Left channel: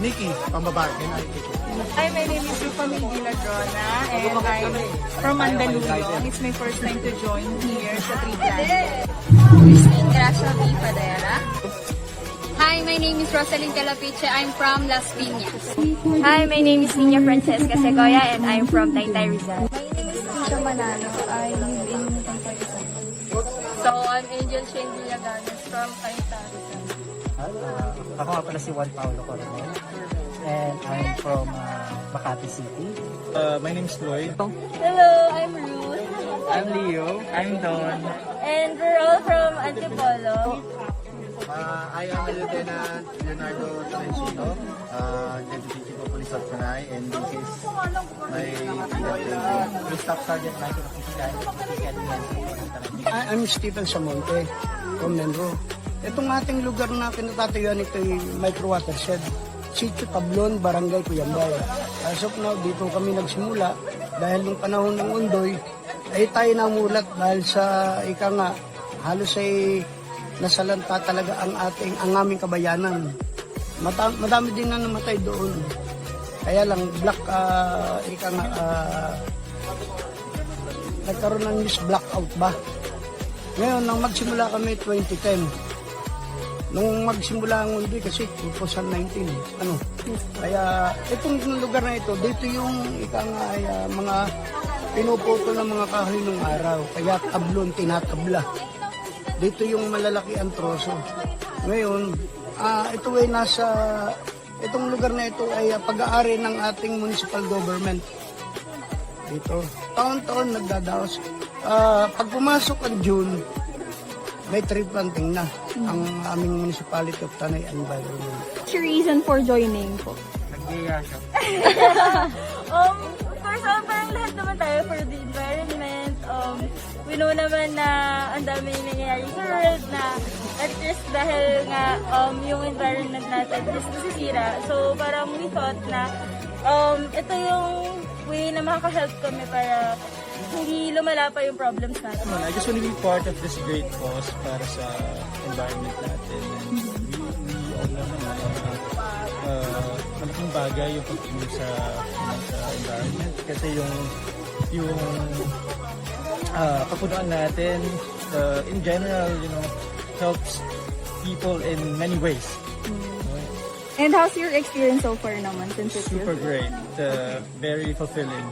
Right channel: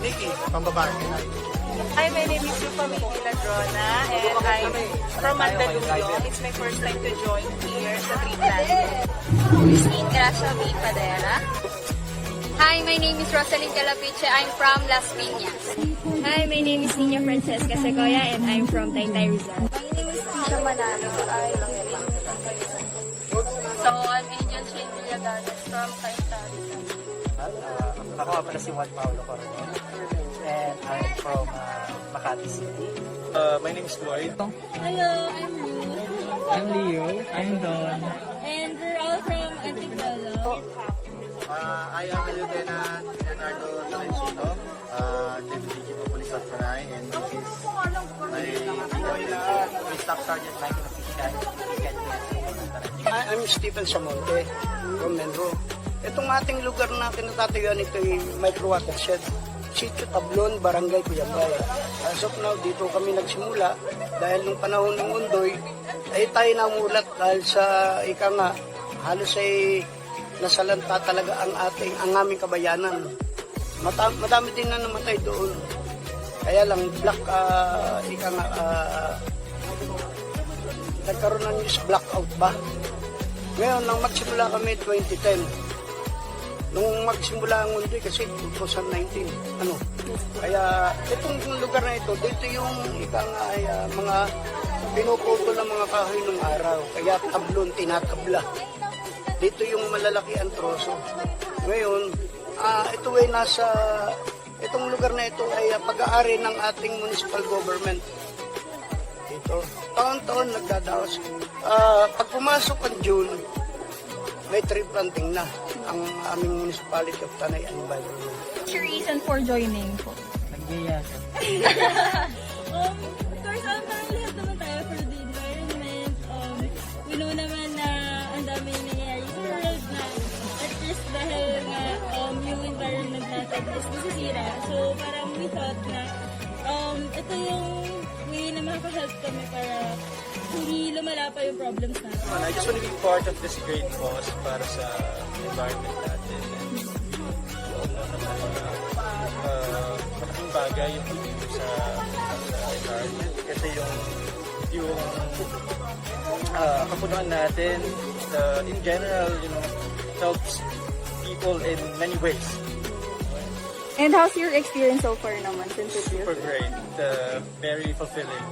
Nikki, pambabae. Hi, my name is Rufami Ladrona and I'm from Mandaluyong. It's my first time to join here sa Three Planet. Christina Sophie Padera. Hi, my name is Rosalyn Calapiche. I'm from Las Piñas. Hi, my name is Nina Francesca Segoya and I'm from Taytay Rizal. My name is Tisha Manalo. I live in Taytay Rizal. So, I'm Angel Shane Villaganos from Cayetano. Ako nga pala si Juan Paulo Coronel. And I'm from Makati City. My name is Lloyd. Hello, I'm Ruth. I'm Leo. I'm Don. And we're all from Antipolo. I am Lieutenant Leonardo Tolentino, Deputy of Police at Panay, and this is my legal Staff Sergeant Michael. I'm Stephen Samonte from Nandro. Itong ating lugar natin na tatayuan ito ay micro watershed. Sitio Tablon, Barangay Cuyambay. As of now, dito kami nagsimula dahil yung panahon ng Undoy ay tayo namulat dahil sa ika nga halos ay nasalanta talaga ang aming kabayanan. Madami din na namatay doon. Kaya lang black ika nga nagkaroon ng news blackout ba. Ngayon, nang magsimula kami 2010. Nung magsimula ang mundo kasi 2019. Kaya itong lugar na ito, dito yung ikang mga pinuputo ng mga kahoy ng araw. Kaya tablon, tinatabla. Dito yung malalaki ang truso. Ngayon, ito ay itong lugar na ito ay pag-aari ng ating municipal government. Dito, taon-taon nagdadaos. Pag pumasok ang June, may tree planting na ang aming municipality of Tanay and Banbulan. What's your reason for joining po? Nag-iya siya. First, parang lahat naman tayo for the environment. We know naman na ang dami yung nangyayari sa world na at least dahil nga yung environment natin is nasisira. So parang we thought na ito yung way na makaka-help kami para hindi lumala pa yung problems natin. I just want to be part of this great cause para sa environment natin. Ang bagay yung pipili sa environment. Ito yung kapunan natin in general, helps people in many ways. And how's your experience in Canada? Super great. Very fulfilling.